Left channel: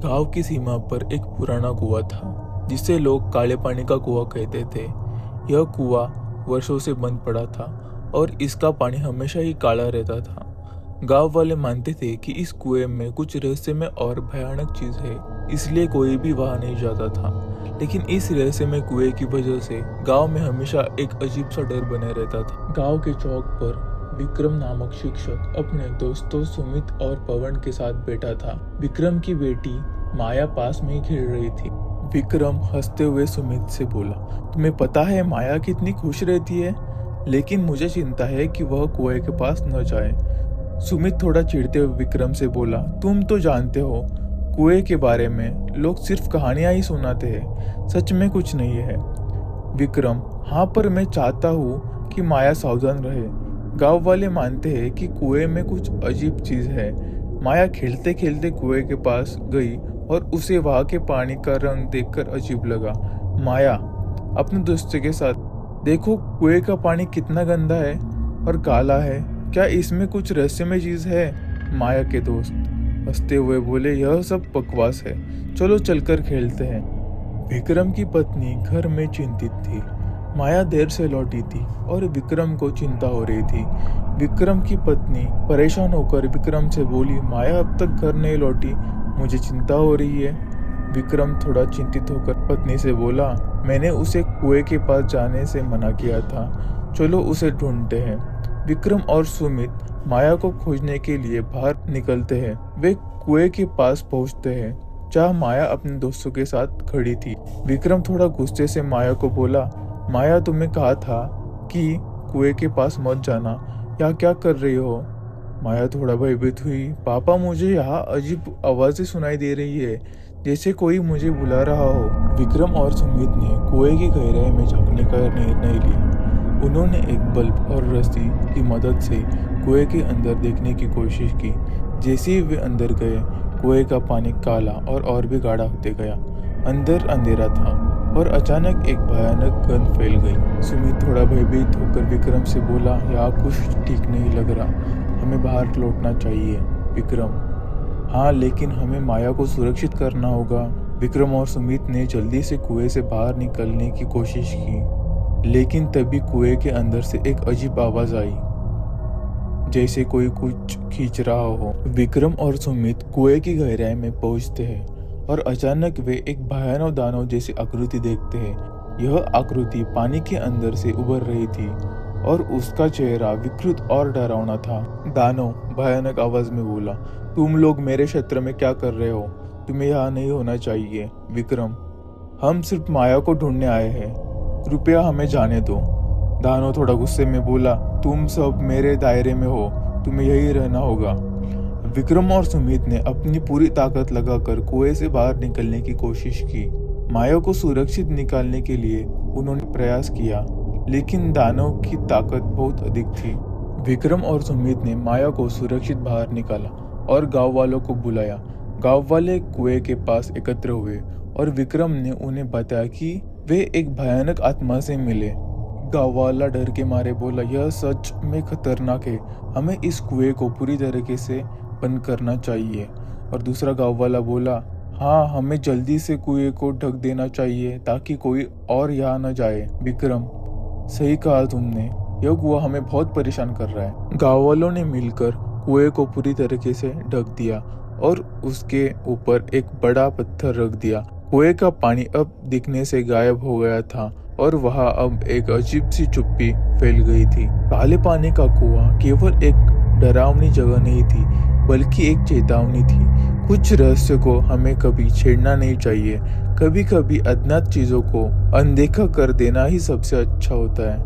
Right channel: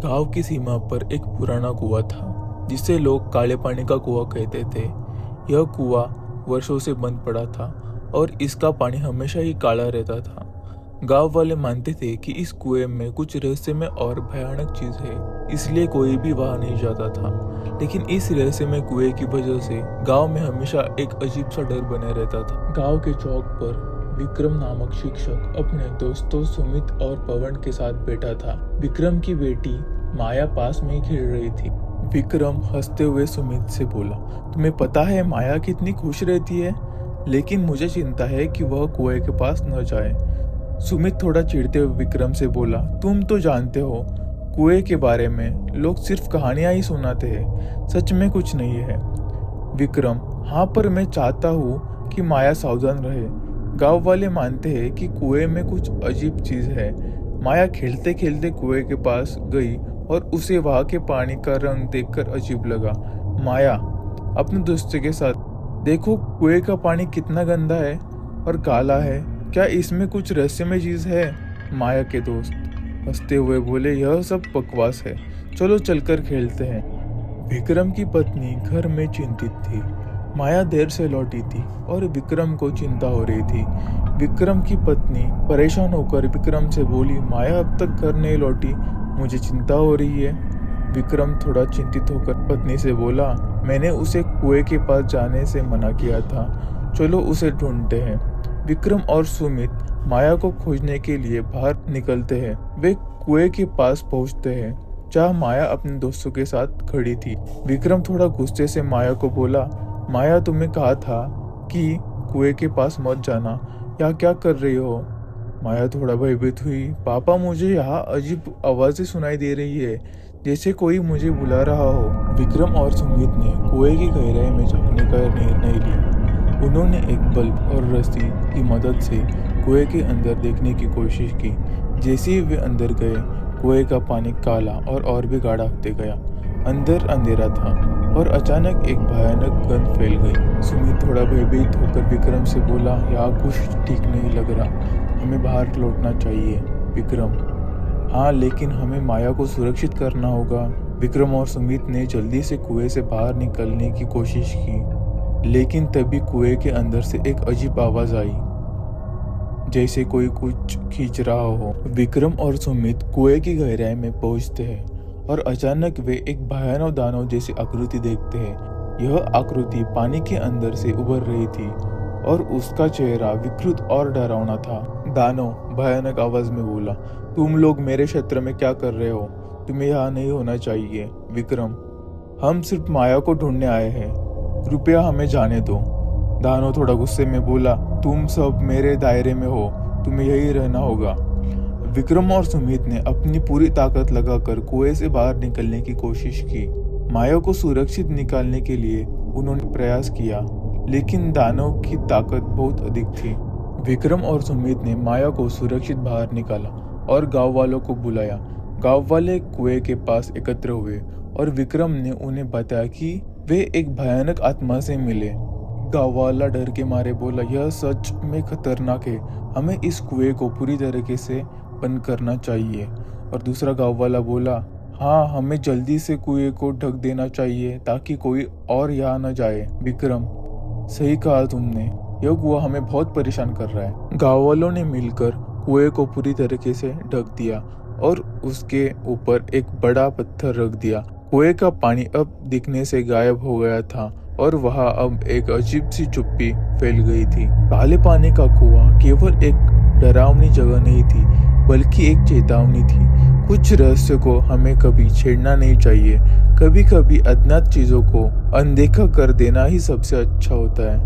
गांव की सीमा पर एक पुराना कुआं था जिसे लोग काले पानी का कुआं कहते थे। यह कुआं वर्षों से बंद पड़ा था और इसका पानी हमेशा ही काला रहता था। गांव वाले मानते थे कि इस कुएं में कुछ रहस्यमय और भयानक चीज है, इसलिए कोई भी वहां नहीं जाता था। लेकिन इस रहस्यमय कुएं की वजह से गांव में हमेशा एक अजीब सा डर बने रहता था। गांव के चौक पर विक्रम नामक शिक्षक अपने दोस्तों सुमित और पवन के साथ बैठा था। विक्रम की बेटी माया पास में ही खेल रही थी। विक्रम हंसते हुए सुमित से बोला, तुम्हें पता है माया कितनी खुश रहती है, लेकिन मुझे चिंता है कि वह कुएं के पास न जाए। सुमित थोड़ा चिढ़ते हुए विक्रम से बोला, तुम तो जानते हो कुएं के बारे में लोग सिर्फ कहानियां ही सुनाते हैं, सच में कुछ नहीं है। विक्रम, हाँ पर मैं चाहता हूँ कि माया सावधान रहे। गांव वाले मानते हैं कि कुएं में कुछ अजीब चीज है। माया खेलते खेलते कुएं के पास गई और उसे वहां के पानी का रंग देखकर अजीब लगा। माया अपने दोस्त के साथ, देखो कुएं का पानी कितना गंदा है और काला है, क्या इसमें कुछ रहस्यमय चीज है? माया के दोस्त हंसते हुए बोले, यह सब बकवास है, चलो चलकर खेलते हैं। विक्रम की पत्नी घर में चिंतित थी। माया देर से लौटी थी और विक्रम को चिंता हो रही थी। विक्रम की पत्नी परेशान होकर विक्रम से बोली, माया अब तक घर नहीं लौटी, मुझे चिंता हो रही है। विक्रम थोड़ा चिंतित होकर पत्नी से बोला, मैंने उसे कुएं के पास जाने से मना किया था, चलो उसे ढूंढते हैं। विक्रम और सुमित माया को खोजने के लिए बाहर निकलते हैं। वे कुएं के पास पहुंचते हैं जहाँ माया अपने दोस्तों के साथ खड़ी थी। विक्रम थोड़ा गुस्से से माया को बोला, माया तुम्हें कहा था कि कुएं के पास मत जाना, यहाँ क्या कर रही हो? माया थोड़ा भयभीत हुई, पापा मुझे यहाँ अजीब आवाजें सुनाई दे रही है, जैसे कोई मुझे बुला रहा हो। विक्रम और सुमित ने कुएं की गहराई में झांकने का निर्णय लिया। उन्होंने एक बल्ब और रस्सी की मदद से कुएं के अंदर देखने की कोशिश की। जैसे ही वे अंदर गए, कुएं का पानी काला और भी गाढ़ा होते गया। अंदर अंधेरा था और अचानक एक भयानक गंध फैल गई। सुमित थोड़ा भयभीत होकर विक्रम से बोला, यहाँ कुछ ठीक नहीं लग रहा, हमें बाहर लौटना चाहिए। विक्रम, हाँ लेकिन हमें माया को सुरक्षित करना होगा। विक्रम और सुमित ने जल्दी से कुएं से बाहर निकलने की कोशिश की, लेकिन तभी कुएं के अंदर से एक अजीब आवाज आई, जैसे कोई कुछ खींच रहा हो। विक्रम और सुमित कुएं की गहराई में पहुंचते हैं और अचानक वे एक भयानक दानव जैसी आकृति देखते हैं। यह आकृति पानी के अंदर से उभर रही थी और उसका चेहरा विकृत और डरावना था। दानव भयानक आवाज में बोला, तुम लोग मेरे क्षेत्र में क्या कर रहे हो? तुम्हें यहाँ नहीं होना चाहिए। विक्रम, हम सिर्फ माया को ढूंढने आए हैं, कृपया हमें जाने दो। दानव थोड़ा गुस्से में बोला, तुम सब मेरे दायरे में हो, तुम्हें यही रहना होगा। विक्रम और सुमित ने अपनी पूरी ताकत लगाकर कुएं से बाहर निकलने की कोशिश की। माया को सुरक्षित निकालने के लिए उन्होंने प्रयास किया, लेकिन दानव की ताकत बहुत अधिक थी। विक्रम और सुमित ने माया को सुरक्षित बाहर निकाला और गांव वालों को बुलाया। गांव वाले कुएं के पास एकत्र हुए और विक्रम ने उन्हें बताया कि वे एक भयानक आत्मा से मिले। गांव वाला डर के मारे बोला, यह सच में खतरनाक है, हमें इस कुएं को पूरी तरीके से बंद करना चाहिए। और दूसरा गांव वाला बोला, हाँ हमें जल्दी से कुएं को ढक देना चाहिए ताकि कोई और यहाँ न जाए। विक्रम, सही कहा तुमने, यह कुआं हमें बहुत परेशान कर रहा है। गांव वालों ने मिलकर कुएं को पूरी तरीके से ढक दिया और उसके ऊपर एक बड़ा पत्थर रख दिया। कुएं का पानी अब दिखने से गायब हो गया था और वहां अब एक अजीब सी चुप्पी फैल गई थी। काले पानी का कुआं केवल एक डरावनी जगह नहीं थी, बल्कि एक चेतावनी थी। कुछ रहस्य को हमें कभी छेड़ना नहीं चाहिए। कभी कभी अज्ञात चीजों को अनदेखा कर देना ही सबसे अच्छा होता है।